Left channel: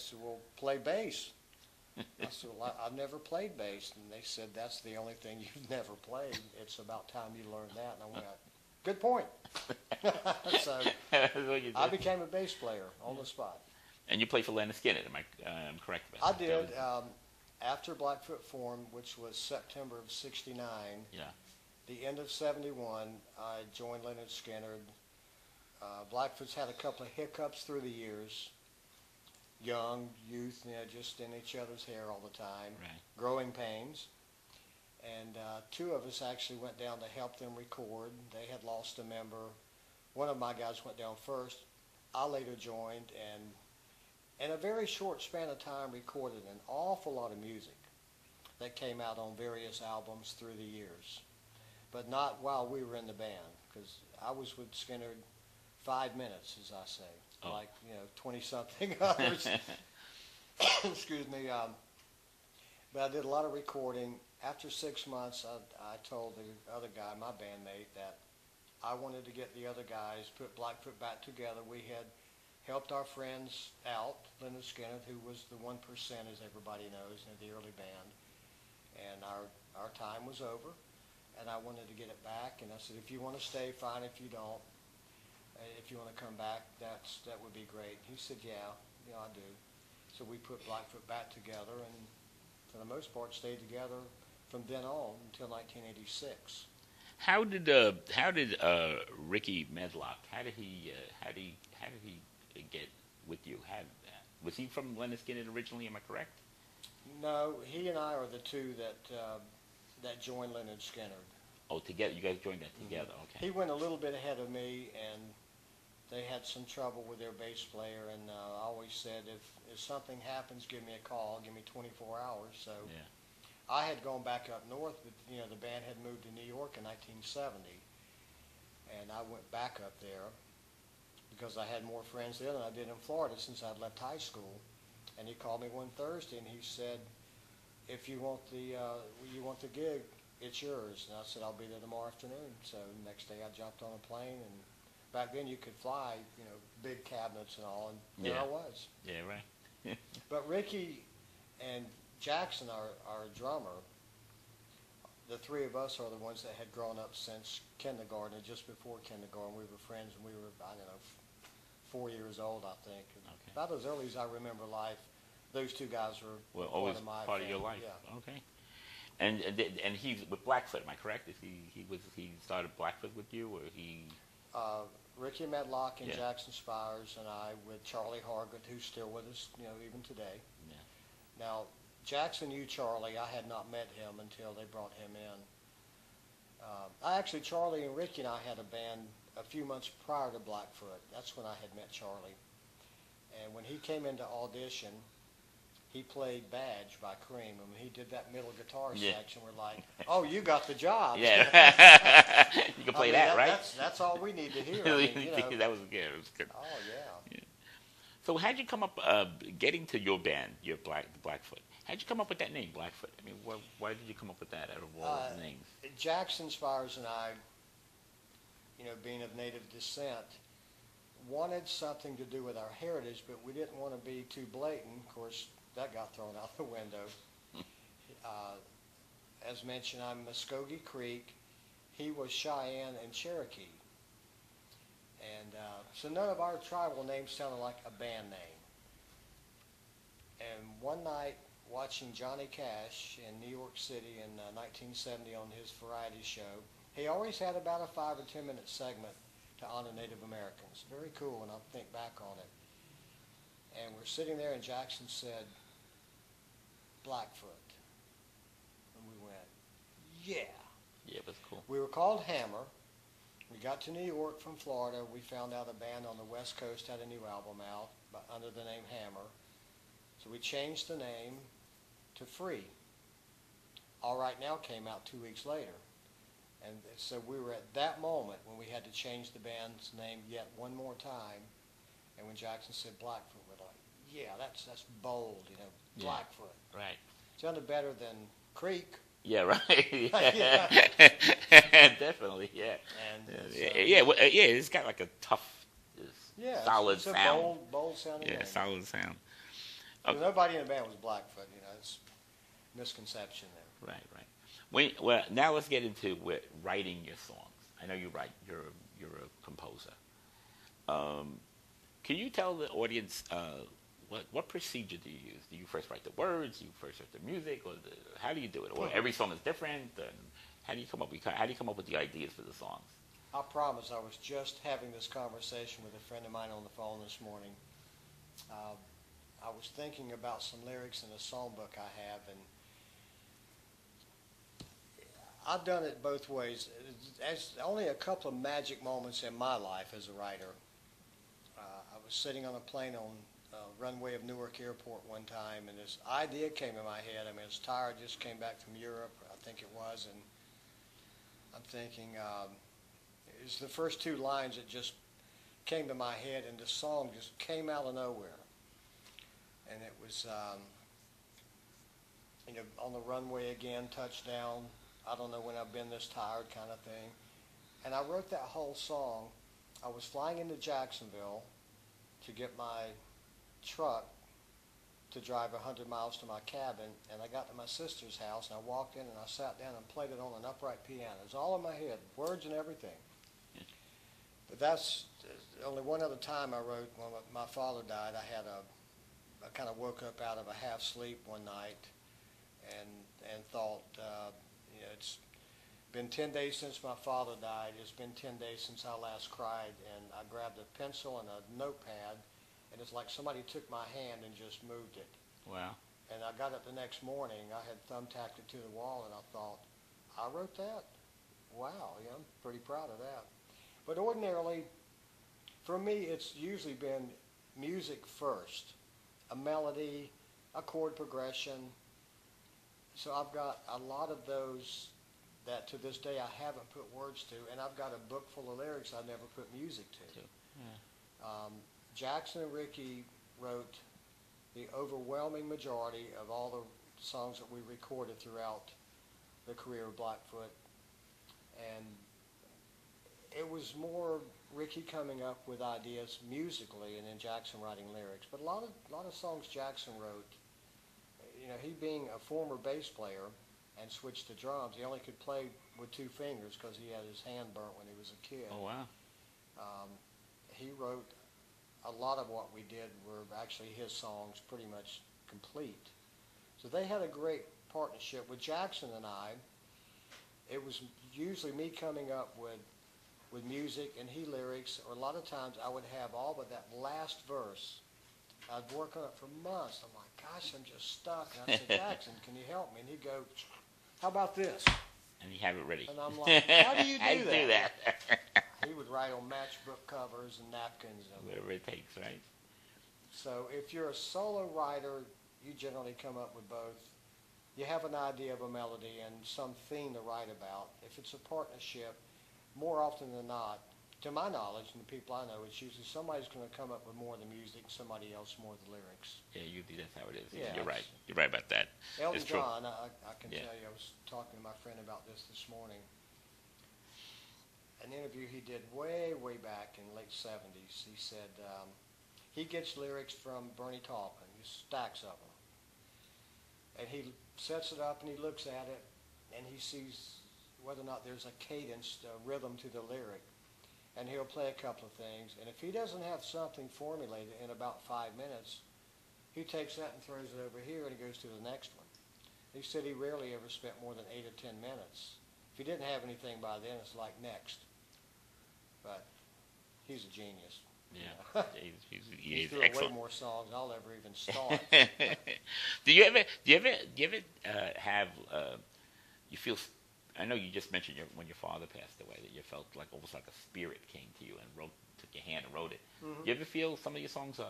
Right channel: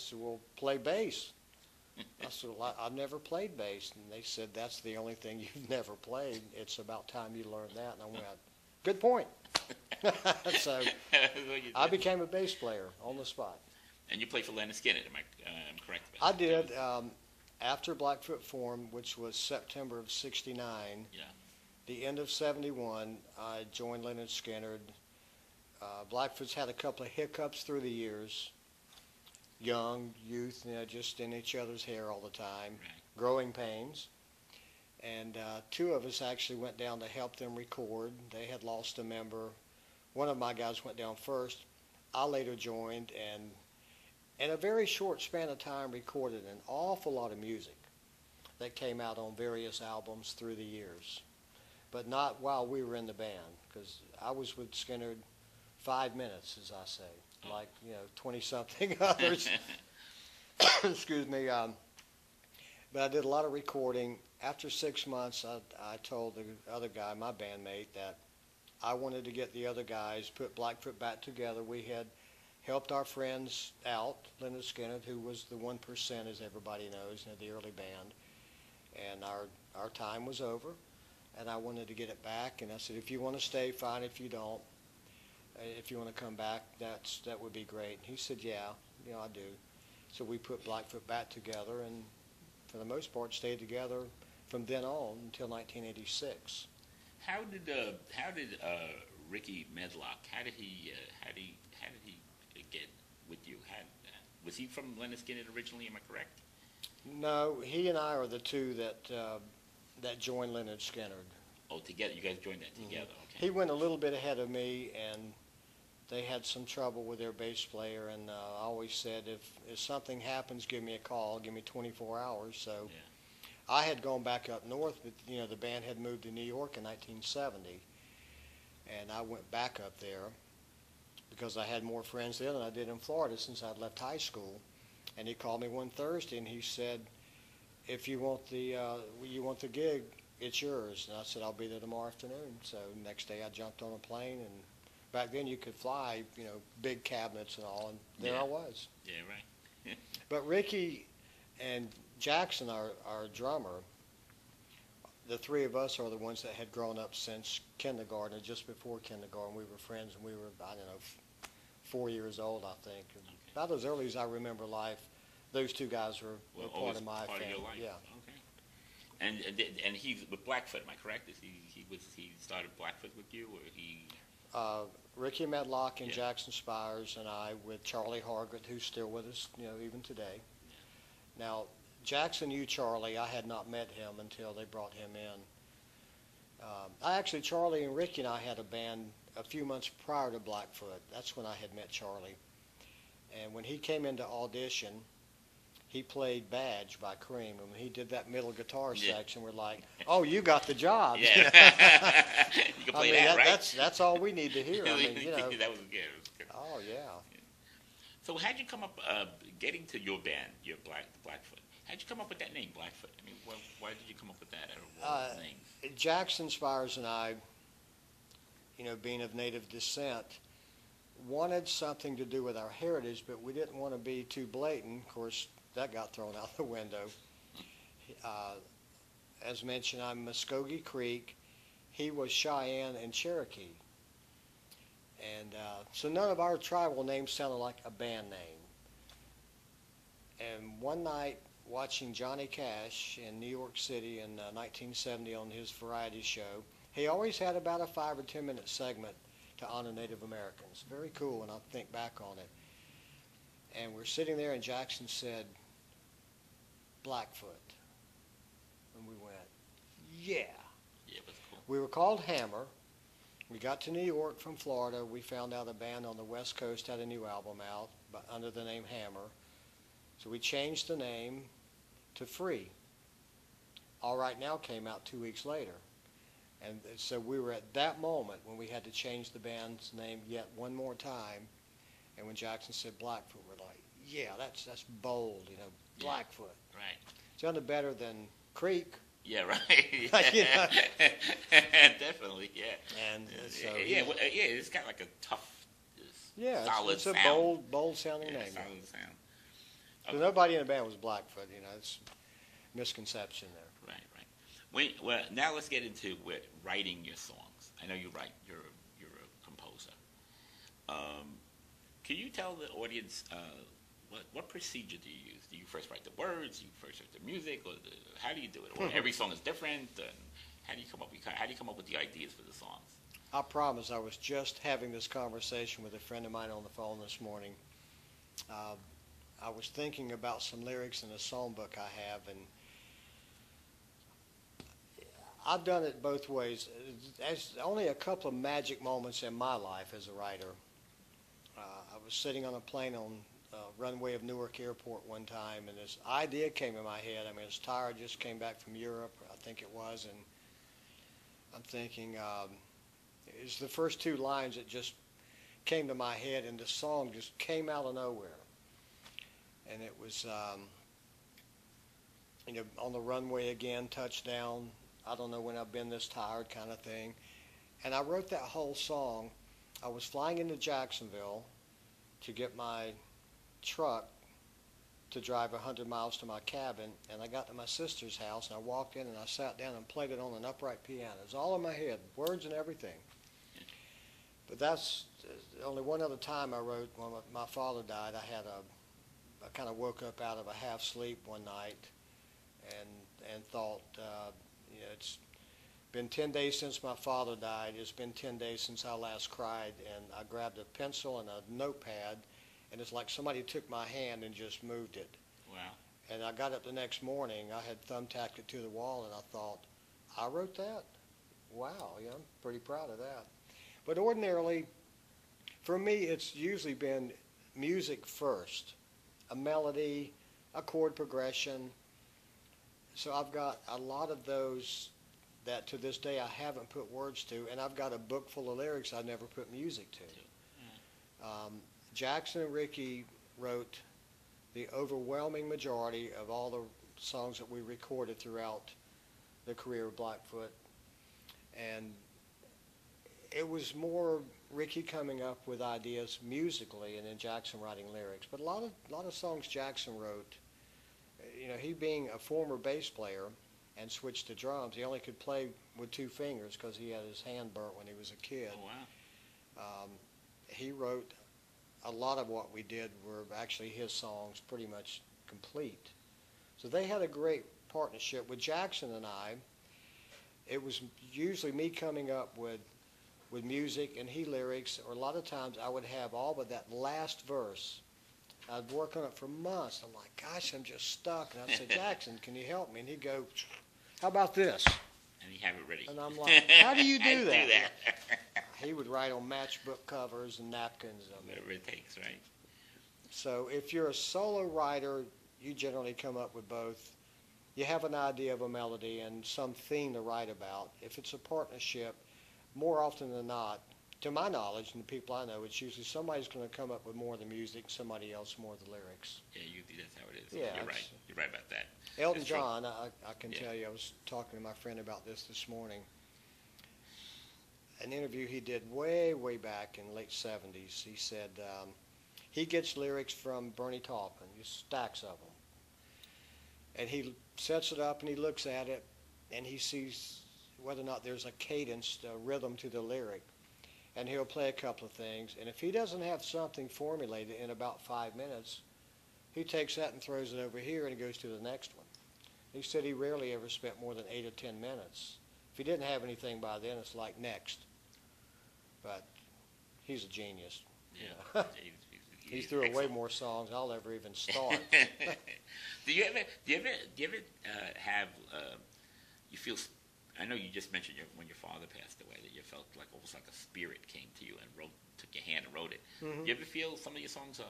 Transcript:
said, well, play bass. I said, well, I've never played bass. And they said, that's the only thing you've never played. It's about time you learn that. And I went, good point. So I became a bass player on the spot. And you played for Leonard Skinner, am I correct? I did. After Blackfoot formed, which was September of '69, yeah. The end of '71, I joined Leonard Skinner. Blackfoot's had a couple of hiccups through the years. Young, youth, just in each other's hair all the time. Right. Growing pains. And two of us actually went down to help them record. They had lost a member. One of my guys went down first. I later joined, and in a very short span of time recorded an awful lot of music that came out on various albums through the years. But not while we were in the band, because I was with Skinner 5 minutes, as I say, like 20-something others. Excuse me. But I did a lot of recording. After 6 months, I told the other guy, my bandmate, that I wanted to get the other guys, put Blackfoot back together. We had helped our friends out, Leonard Skinner, who was the 1%, as everybody knows, the early band. And our time was over, and I wanted to get it back. And I said, if you want to stay, fine. If you don't, if you want to come back, that would be great. He said, yeah, I do. So we put Blackfoot back together, and for the most part stayed together from then on until 1986. How did Ricky Medlock? How did he get with you? Was he from Leonard Skinner originally? Am I correct? No, he and I are the two that joined Leonard Skinner. Oh, together, you guys joined that together. Mm-hmm. Okay. He went a little bit ahead of me, and they had some trouble with their bass player. And I always said, if something happens, give me a call. Give me 24 hours. So. Yeah. I had gone back up north, but the band had moved to New York in 1970, and I went back up there because I had more friends there than I did in Florida since I'd left high school. And he called me one Thursday, and he said, "If you want the gig, it's yours." And I said, "I'll be there tomorrow afternoon." So next day, I jumped on a plane, and back then you could fly, big cabinets and all, and there I was. Yeah, right. But Ricky and Jackson, our drummer, the three of us are the ones that had grown up since kindergarten. And just before kindergarten, we were friends, and we were, 4 years old, I think. Okay. About as early as I remember life, those two guys were part of my part family. of your life. Yeah. Okay. And he's with Blackfoot, am I correct? He started Blackfoot with you, or he? Ricky Medlock and Jackson Spires, and I with Charlie Hargett, who's still with us, even today. Yeah. Now, Jackson knew Charlie. I had not met him until they brought him in. Charlie and Ricky and I had a band a few months prior to Blackfoot. That's when I had met Charlie. And when he came into audition, he played Badge by Cream. And when he did that middle guitar section, we're like, oh, you got the job. Yeah. You can play that, right? That's all we need to hear. That was good. It was good. Oh, yeah. So how'd you come up getting to your band, Blackfoot? How'd you come up with that name, Blackfoot? I mean, why did you come up with that out of all those names? Jackson Spires and I, being of native descent, wanted something to do with our heritage, but we didn't want to be too blatant. Of course, that got thrown out the window. As mentioned, I'm Muskogee Creek. He was Cheyenne and Cherokee. And so none of our tribal names sounded like a band name. And one night, watching Johnny Cash in New York City in 1970 on his variety show, he always had about a 5 or 10 minute segment to honor Native Americans. Very cool, and I'll think back on it. And we're sitting there, and Jackson said, Blackfoot. And we went, yeah. Yeah, that's cool. We were called Hammer. We got to New York from Florida. We found out a band on the West Coast had a new album out under the name Hammer. So we changed the name to Free. All Right Now came out 2 weeks later. And so we were at that moment when we had to change the band's name yet one more time. And when Jackson said Blackfoot, we're like, yeah, that's bold, Blackfoot. Yeah, right. Sounded better than Creek. Yeah, right. Yeah. Definitely, yeah. And it's got like a tough, solid it's a sound. bold sounding name. Yeah, solid sound. Oh. Nobody in the band was Blackfoot. You know, it's misconception there. Right, right. Well, now let's get into writing your songs. I know you write. You're a composer. Can you tell the audience what procedure do you use? Do you first write the words? Do you first write the music? Or how do you do it? Or every song is different? And how do you come up with the ideas for the songs? I promise. I was just having this conversation with a friend of mine on the phone this morning. I was thinking about some lyrics in a songbook I have, and I've done it both ways. There's only a couple of magic moments in my life as a writer. I was sitting on a plane on runway of Newark Airport one time, and this idea came in my head. I mean, this tire just came back from Europe, I think it was, and I'm thinking, it's the first two lines that just came to my head, and the song just came out of nowhere. And it was, on the runway again, touchdown, I don't know when I've been this tired kind of thing. And I wrote that whole song. I was flying into Jacksonville to get my truck to drive 100 miles to my cabin, and I got to my sister's house, and I walked in and I sat down and played it on an upright piano. It was all in my head, words and everything. But that's only one other time I wrote. When my father died, I kind of woke up out of a half sleep one night and thought, it's been 10 days since my father died. It's been 10 days since I last cried. And I grabbed a pencil and a notepad, and it's like somebody took my hand and just moved it. Wow. And I got up the next morning. I had thumbtacked it to the wall, and I thought, I wrote that? Wow, yeah, I'm pretty proud of that. But ordinarily, for me, it's usually been music first. A melody, a chord progression. So I've got a lot of those that to this day I haven't put words to, and I've got a book full of lyrics I never put music to. Yeah. Jackson and Ricky wrote the overwhelming majority of all the songs that we recorded throughout the career of Blackfoot. And it was more Ricky coming up with ideas musically and then Jackson writing lyrics. But a lot of songs Jackson wrote, he being a former bass player and switched to drums, he only could play with two fingers because he had his hand burnt when he was a kid. Oh, wow. He wrote a lot of what we did were actually his songs, pretty much complete. So they had a great partnership. With Jackson and I, it was usually me coming up with music and he lyrics, or a lot of times I would have all but that last verse. I'd work on it for months. I'm like, gosh, I'm just stuck. And I'd say, Jackson, can you help me? And he'd go, how about this? And you have it ready. And I'm like, how do you How do do that? that? He would write on matchbook covers and napkins. Whatever it takes, right? So if you're a solo writer, you generally come up with both. You have an idea of a melody and some theme to write about. If it's a partnership, more often than not, to my knowledge and the people I know, it's usually somebody's going to come up with more of the music, somebody else more of the lyrics. Yeah, usually that's how it is. Yeah, You're right. You're right about that. Elton It's true. John, I can Yeah. tell you, I was talking to my friend about this morning. An interview he did way back in the late 70s. He said he gets lyrics from Bernie Taupin, stacks of them. And he sets it up and he looks at it and he sees whether or not there's a cadence, a rhythm to the lyric. And he'll play a couple of things. And if he doesn't have something formulated in about 5 minutes, he takes that and throws it over here and he goes to the next one. He said he rarely ever spent more than 8 or 10 minutes. If he didn't have anything by then, it's like next. But he's a genius. Yeah. He's through way more songs I'll ever even start. Do you ever have you feel? I know you just mentioned when your father passed away that you felt like almost like a spirit came to you and took your hand and wrote it. Mm-hmm. Do you ever feel some of your songs are